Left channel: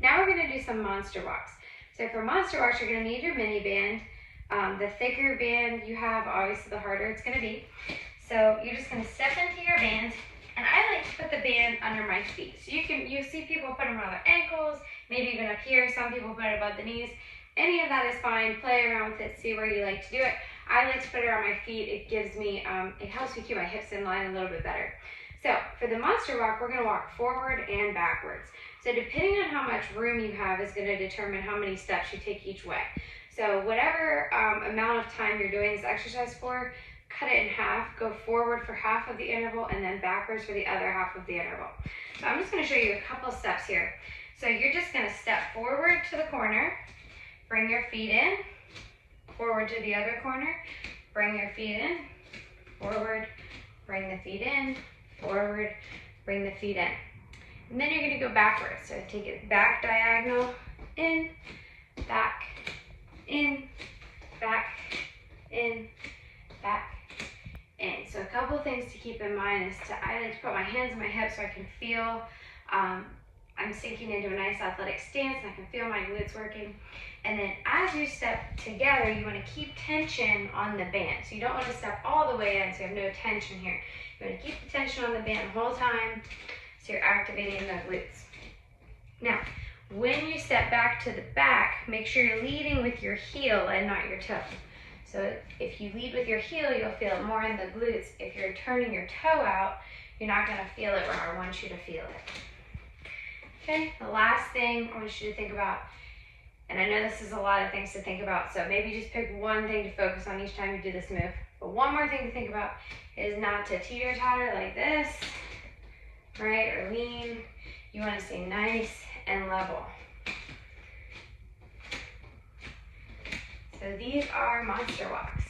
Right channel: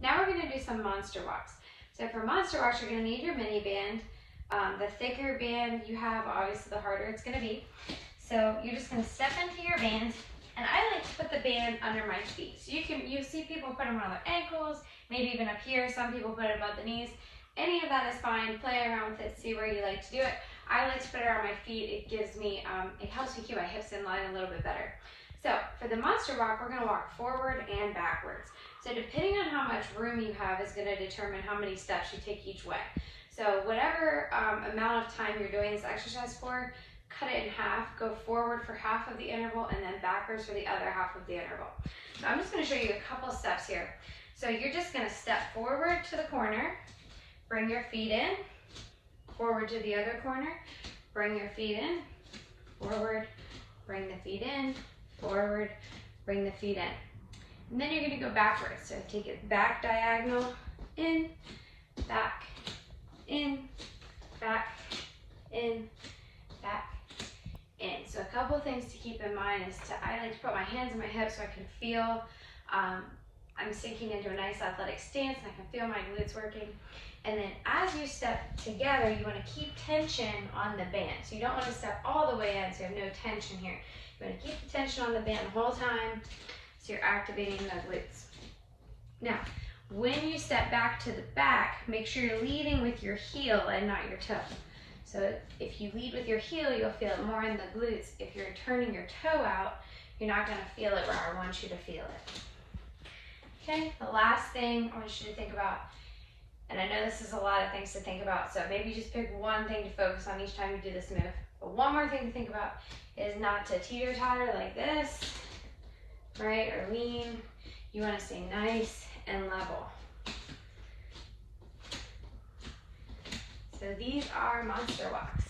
Now we're gonna do some monster walks. So for monster walks, you're gonna need your mini band. The thicker band you have, obviously the harder it's gonna be. So you're just gonna step into your band, and I like to put the band under my feet. So you see people put them around their ankles, maybe even up here. Some people put it above the knees. Any of that is fine. Play around with it, see where you like to do it. I like to put it around my feet. It gives me, it helps me keep my hips in line a little bit better. So for the monster walk, we're gonna walk forward and backwards. So depending on how much room you have is gonna determine how many steps you take each way. So whatever amount of time you're doing this exercise for, cut it in half, go forward for half of the interval and then backwards for the other half of the interval. So I'm just gonna show you a couple steps here. So you're just gonna step forward to the corner, bring your feet in, forward to the other corner, bring your feet in, forward, bring the feet in, forward, bring the feet in. And then you're gonna go backwards. So take it back diagonal, in, back, in, back, in, back, in. So a couple things to keep in mind is I like to put my hands on my hips so I can feel I'm sinking into a nice athletic stance and I can feel my glutes working. And then as you step together, you want to keep tension on the band. So you don't want to step all the way in so you have no tension here. You want to keep the tension on the band the whole time so you're activating the glutes. Now, when you step back to the back, make sure you're leading with your heel and not your toe. So if you lead with your heel, you'll feel it more in the glutes. If you're turning your toe out, you're not going to feel it where I want you to feel it. Okay, the last thing I want you to think about, and I know this is a lot of things to think about, so maybe just pick one thing to focus on each time you do this move. But one more thing to think about is not to teeter-totter like this, right, or lean. You want to stay nice and level. So these are monster walks.